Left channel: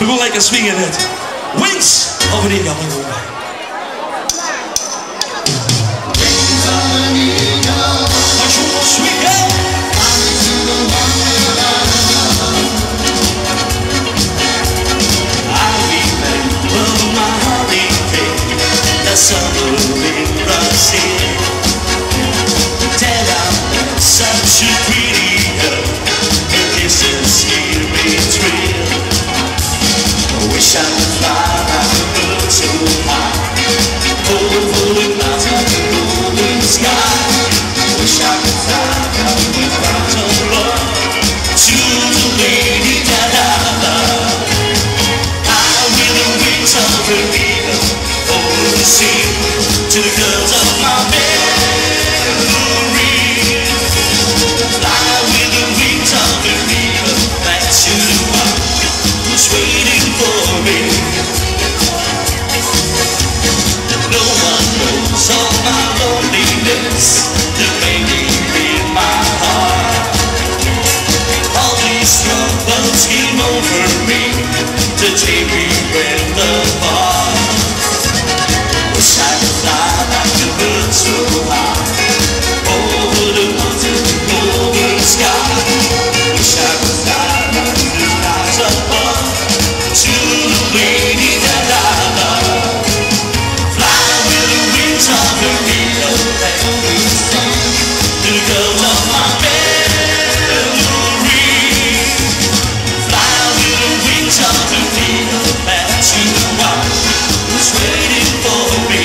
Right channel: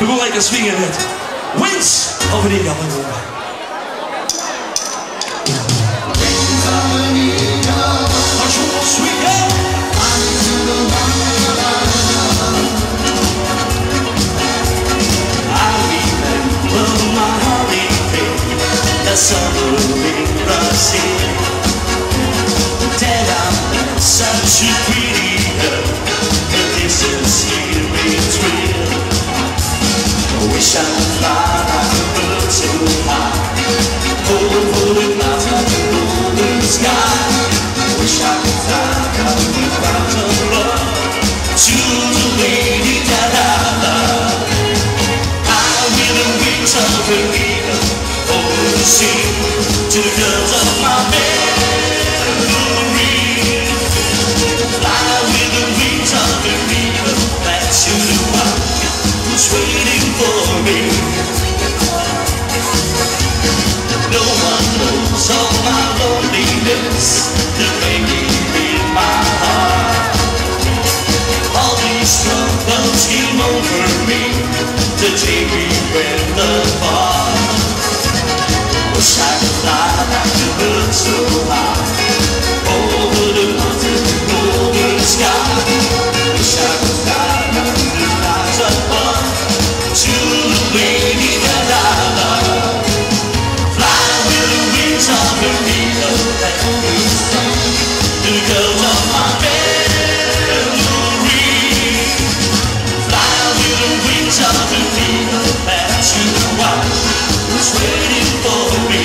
We go lekker swingen met Wings over the Eagle. Wings of an eagle. Maar zo swingen. I remember my holiday, the summer in Brazil. Then I'm such a pretty girl, and this is scary thrill. Wish I could fly like a bird so high, over the mountain, over the sky. Wish I could fly like a clouds of love to the lady that I love. High with the wings of an eagle, over the sea, to the girls of my memory. Fly with the wings of an eagle, back to the one who's waiting for me. No one knows all my loneliness, the pain in my heart. All these troubles came over me to take me with the bar. Wish I could fly like a bird so high, over the mountain, over the sky. Wish I could fly like the clouds above, to the lady that I love. Fly with the wings of an eagle, that always sun, the girls of my memory. Fly with the wings of an eagle, back to the one who's waiting for me.